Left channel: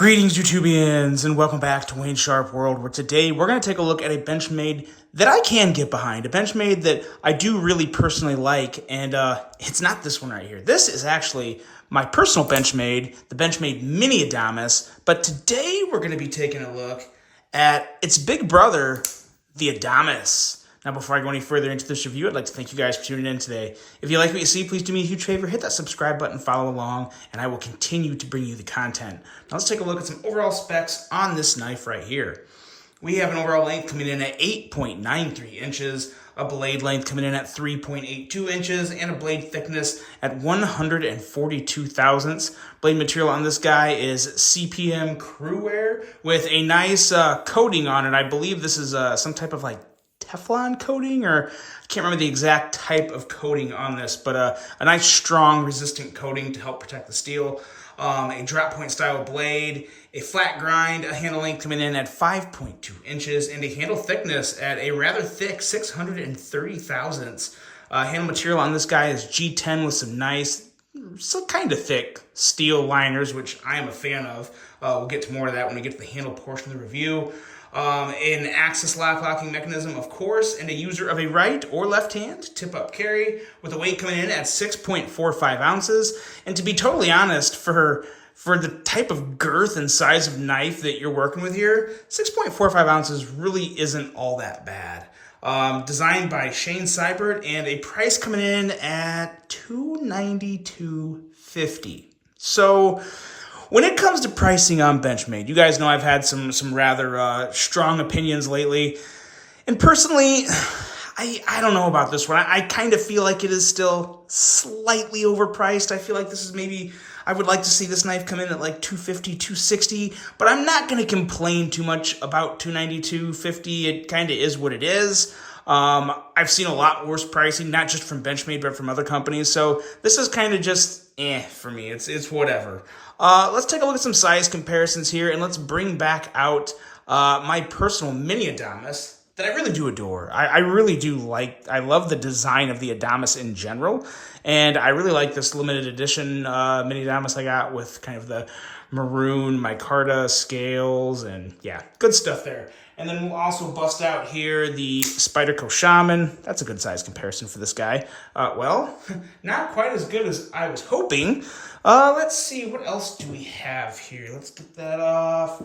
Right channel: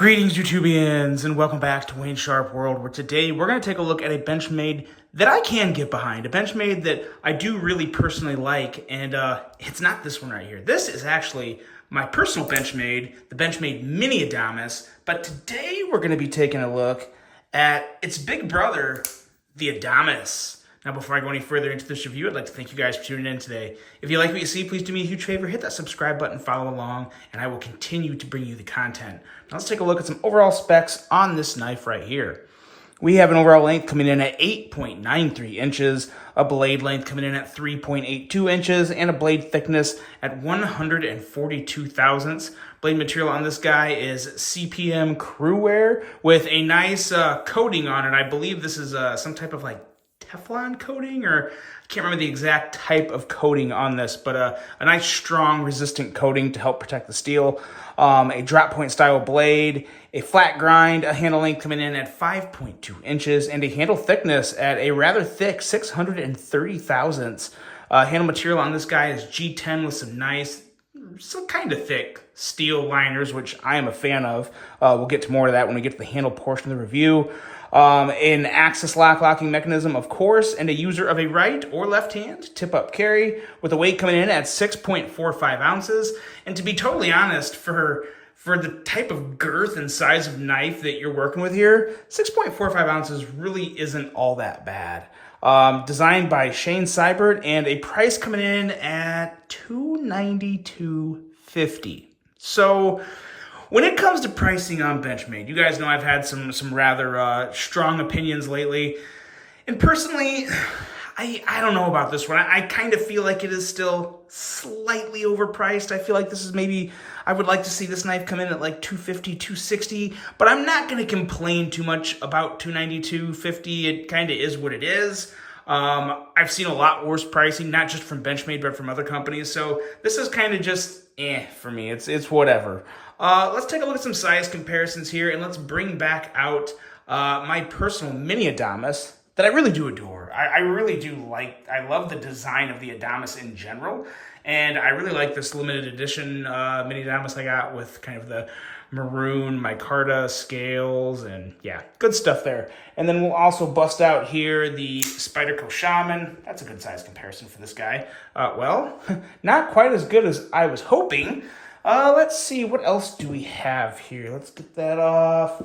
Greetings, YouTubians, and welcome back to Wayne Sharp World, where today we're going to take a look at a Benchmade that I can get behind, a Benchmade that I do really personally like, and it's not this one right here. This is actually my personal Benchmade, the Benchmade Mini Adamas, but today we're going to be taking a look at its big brother, the Adamas. Now, before I go any further into this review, I'd like to thank you guys for tuning in today. If you like what you see, please do me a huge favor, hit that subscribe button, follow along, and I will continue to bring you the content. Now, let's take a look at some overall specs on this knife right here. We have an overall length coming in at 8.93 inches, a blade length coming in at 3.82 inches, and a blade thickness at 142 thousandths. Blade material on this guy is CPM crew wear with a nice coating on it. I believe this is some type of like Teflon coating, or I can't remember the exact type of coating on this, but a nice strong resistant coating to help protect the steel. A drop point style blade, a flat grind, a handle length coming in at 5.2 inches, and a handle thickness at a rather thick 630 thousandths. Handle material on this guy is G10 with some nice, some kind of thick steel liners, which I am a fan of. We'll get to more of that when we get to the handle portion of the review. An axis locking mechanism, of course, and a user of a right or left hand tip-up carry with a weight coming in at 6.45 ounces. And to be totally honest, for the type of girth and size of knife that you're working with here, 6.45 ounces really isn't all that bad. Designed by Shane Seibert, and a price coming in at $292.50. So when it comes to pricing on Benchmade, you guys know I've had some rather strong opinions lately. And personally, I don't know about this one. I kind of feel like it is still slightly overpriced. I feel like this is maybe, I would like to see this knife come in at like $250, $260, but I'm not going to complain too much about $292.50. It kind of is what it is. I've seen a lot worse pricing, not just from Benchmade, but from other companies. So this is kind of just for me. It's whatever. Let's take a look at some size comparisons here, and let's bring back out my personal mini Adamas that I really do adore. I really do like, I love the design of the Adamas in general, and I really like this limited edition mini Adamas I got with kind of the maroon micarta scales, and yeah, good stuff there. And then we'll also bust out here the Spyderco Shaman. That's a good size comparison for this guy. Well, not quite as good as I was hoping. Let's see, what else do we have here? Let's get that off.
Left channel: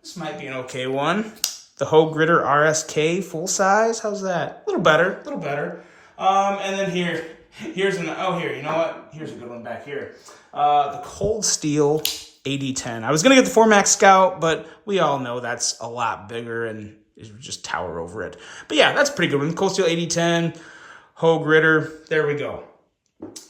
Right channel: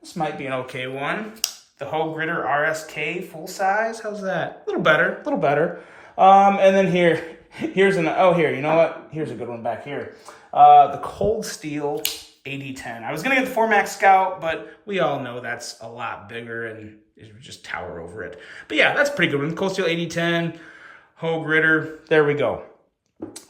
This might be an okay one. The Hogue Ritter RSK full size. How's that? A little better, a little better. And then here's an, oh, here, you know what? Here's a good one back here. The Cold Steel AD10. I was going to get the 4MAX Scout, but we all know that's a lot bigger and it would just tower over it. But yeah, that's a pretty good one. Cold Steel AD10, Hogue Ritter. There we go.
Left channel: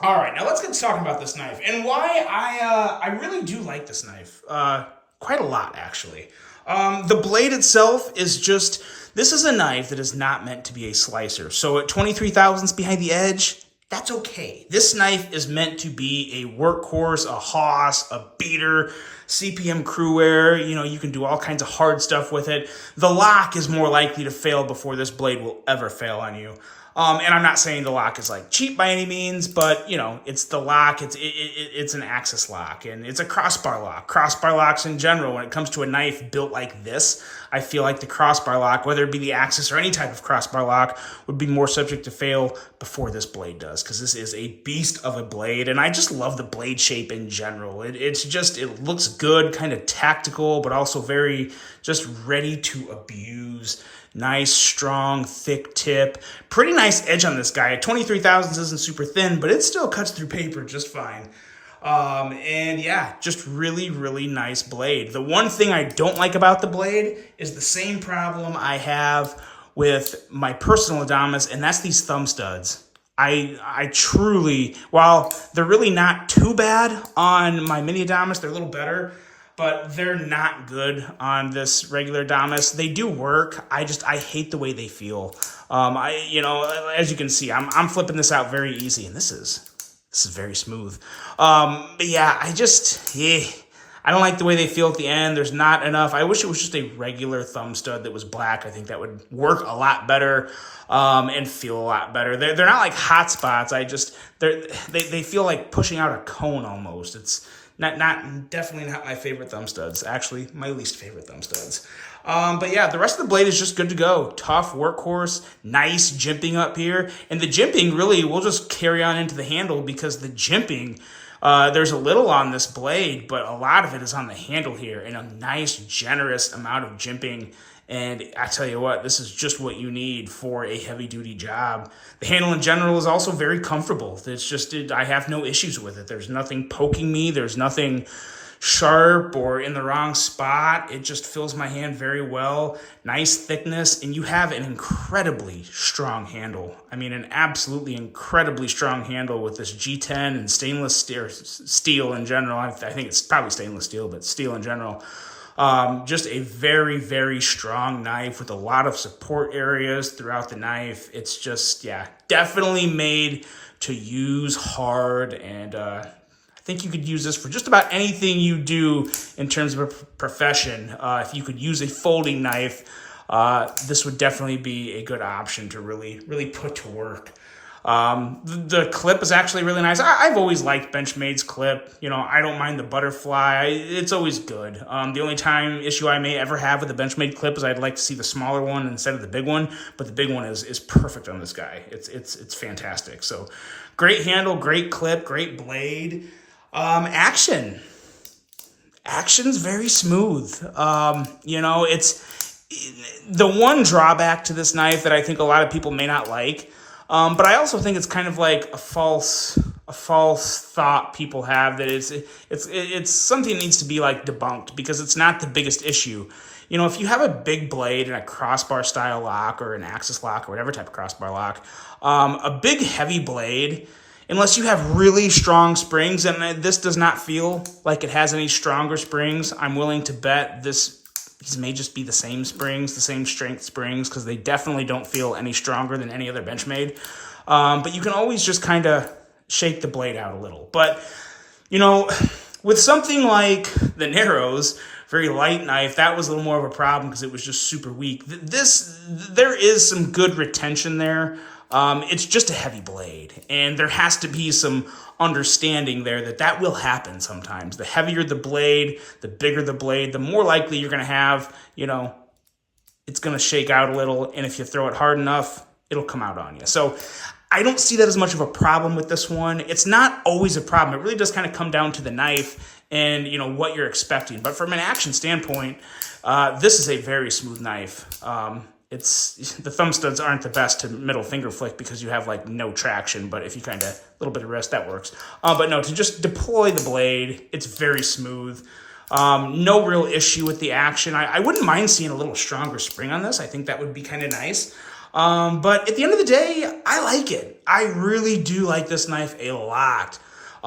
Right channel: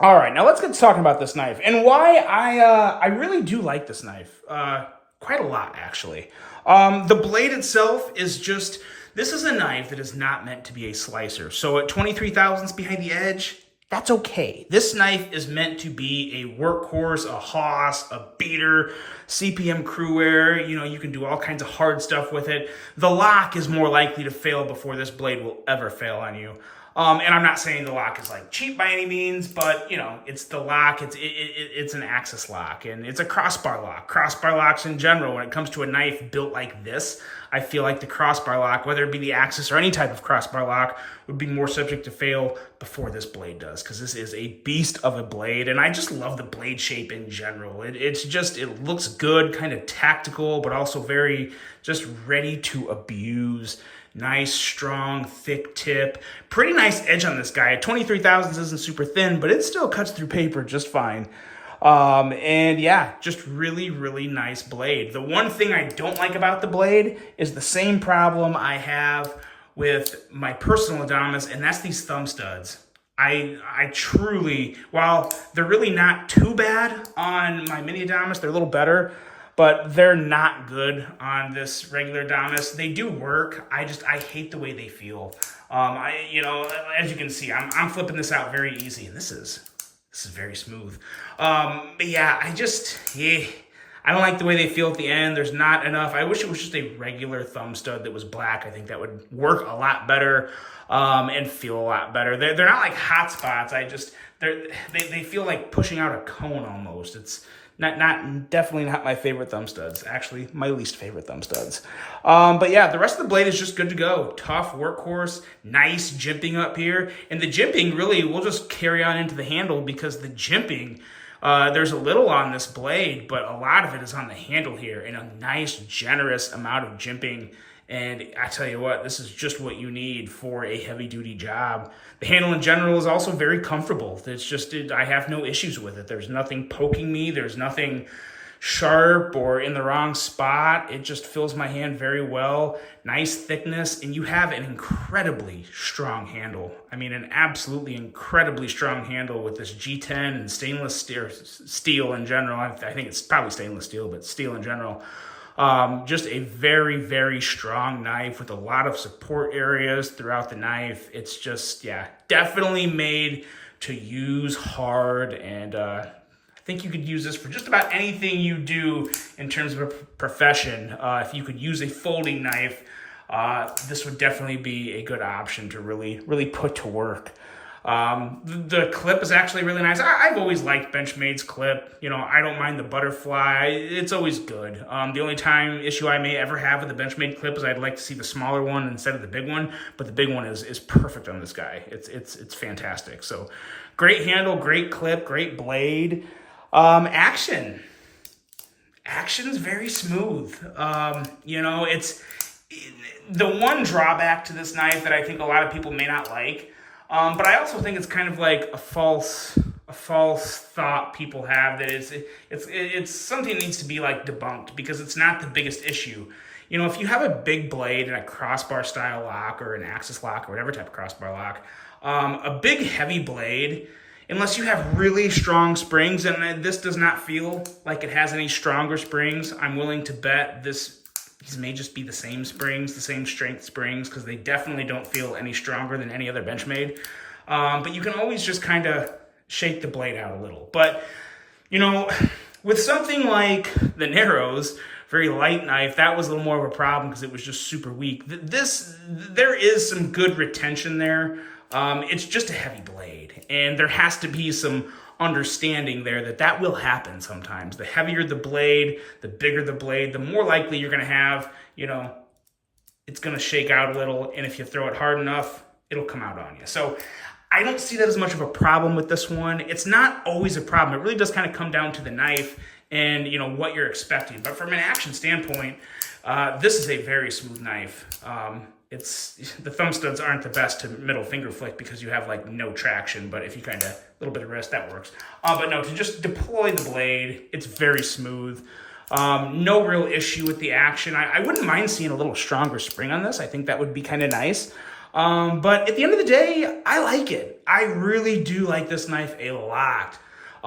All right, now let's get to talking about this knife and why I really do like this knife. Quite a lot, actually. The blade itself is just, this is a knife that is not meant to be a slicer. So at 23 thousandths behind the edge, that's okay. This knife is meant to be a workhorse, a hoss, a beater, CPM crew wear. You know, you can do all kinds of hard stuff with it. The lock is more likely to fail before this blade will ever fail on you. And I'm not saying the lock is like cheap by any means, but you know, it's the lock, it's an axis lock, and it's a crossbar lock. Crossbar locks in general, when it comes to a knife built like this, I feel like the crossbar lock, whether it be the axis or any type of crossbar lock, would be more subject to fail before this blade does, because this is a beast of a blade, and I just love the blade shape in general. It looks good, kind of tactical, but also very just ready to abuse. Nice, strong, thick tip. Pretty nice edge on this guy. At 23 thousandths isn't super thin, but it still cuts through paper just fine. And yeah, just really, really nice blade. The one thing I don't like about the blade is the same problem I have with my personal Adamas, and that's these thumb studs. I truly, while they're really not too bad on my mini Adamas, they're a little better, but they're not good on this regular Adamas. They do work. I hate the way they feel. You know, as you can see, I'm flipping this out very easy, and this is very smooth. But yeah, I don't like the way they feel at the end. There's not enough. I wish it was just a regular thumb stud that was black. I think that would work a lot better, and feel a lot better. They're not like hot spots. They feel like pushing out a cone almost. Definitely not my favorite thumb studs. Actually, my least favorite thumb studs. But yeah, the rest of the blade is just good to go. Tough workhorse, nice jimping up here. And the jimping really will just carry on into the handle because the jimping, there's a little on this blade, but a lot of it is on the handle here, and a nice, generous amount of jimping. And I tell you what, this is just what you need for a heavy-duty job. The handle in general is also very comfortable. It's just, I have no issues with it. There's nothing poking me. There's nothing sharp or in the wrong spot. It just fills my hand very well. Nice thickness, and you have an incredibly strong handle. I mean, an absolutely incredibly strong handle with this G10 and stainless steel in general. I think it's probably stainless steel, but steel in general. Just a very, very strong knife with a lot of support areas throughout the knife. It's just, yeah, definitely made to use hard, and I think you could use this for just about anything you do in terms of a profession. If you could use a folding knife, this would definitely be a good option to really, really put to work. The clip is actually really nice. I've always liked Benchmade's clip. You know, I don't mind the butterfly. It's always good. The only issue I may ever have with the Benchmade clip is I'd like to see the smaller one instead of the big one, but the big one is perfect on this guy. It's fantastic. So great handle, great clip, great blade. Action's very smooth. You know, it's the one drawback to this knife that I think a lot of people may not like. But I also think it's kind of like a false thought people have that it's something that needs to be like debunked, because it's not the biggest issue. You know, if you have a big blade and a crossbar style lock or an axis lock or whatever type of crossbar lock, a big heavy blade, unless you have really strong springs, and this does not feel like it has any stronger springs, I'm willing to bet these may just be the same springs, the same strength springs, because they definitely don't feel any stronger than any other Benchmade. But you can always just kind of shake the blade out a little. But, you know, with something like the Narrows, very light knife, that was a little more of a problem because it was just super weak. There is some good retention there. It's just a heavy blade, and there has to be some understanding there that will happen sometimes. The heavier the blade, the bigger the blade, the more likely you're going to have, you know, it's going to shake out a little, and if you throw it hard enough, it'll come out on you. So I don't see that as much of a problem with this one. It's not always a problem. It really does kind of come down to the knife and, you know, what you're expecting. But from an action standpoint, this is a very smooth knife. The thumb studs aren't the best to middle finger flick because you have like no traction, but if you kind of, a little bit of wrist, that works. But no, to just deploy the blade, it's very smooth. No real issue with the action. I wouldn't mind seeing a little stronger spring on this. I think that would be kind of nice. But at the end of the day, I like it. I really do like this knife a lot.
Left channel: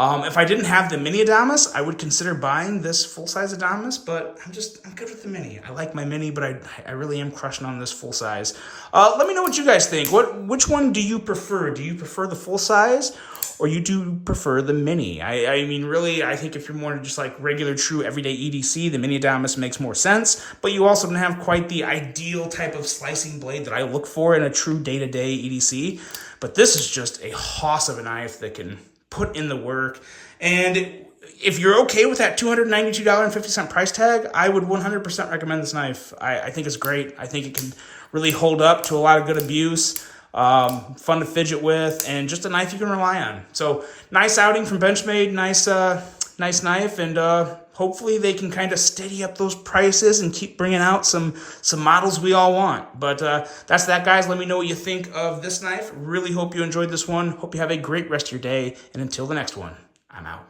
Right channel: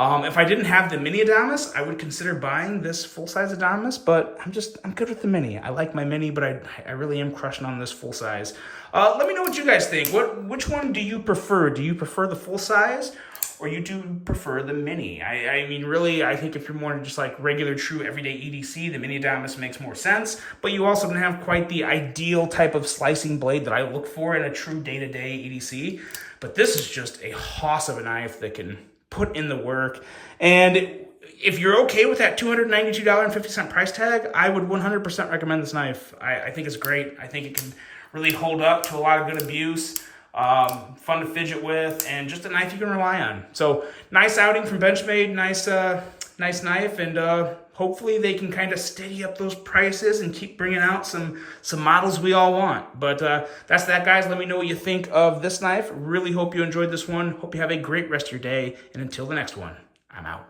If I didn't have the mini Adamas, I would consider buying this full-size Adamas, but I'm good with the mini. I like my mini, but I really am crushing on this full-size. Let me know what you guys think. Which one do you prefer? Do you prefer the full-size, or you do prefer the mini? I mean, really, I think if you're more just like regular, true, everyday EDC, the mini Adamas makes more sense, but you also don't have quite the ideal type of slicing blade that I look for in a true day-to-day EDC. But this is just a hoss of a knife that can put in the work. And if you're okay with that $292.50 price tag, I would 100% recommend this knife. I think it's great. I think it can really hold up to a lot of good abuse. Fun to fidget with, and just a knife you can rely on. So nice outing from Benchmade, nice knife, and hopefully they can kind of steady up those prices and keep bringing out some models we all want. But that's that, guys. Let me know what you think of this knife. Really hope you enjoyed this one. Hope you have a great rest of your day, and until the next one, I'm out.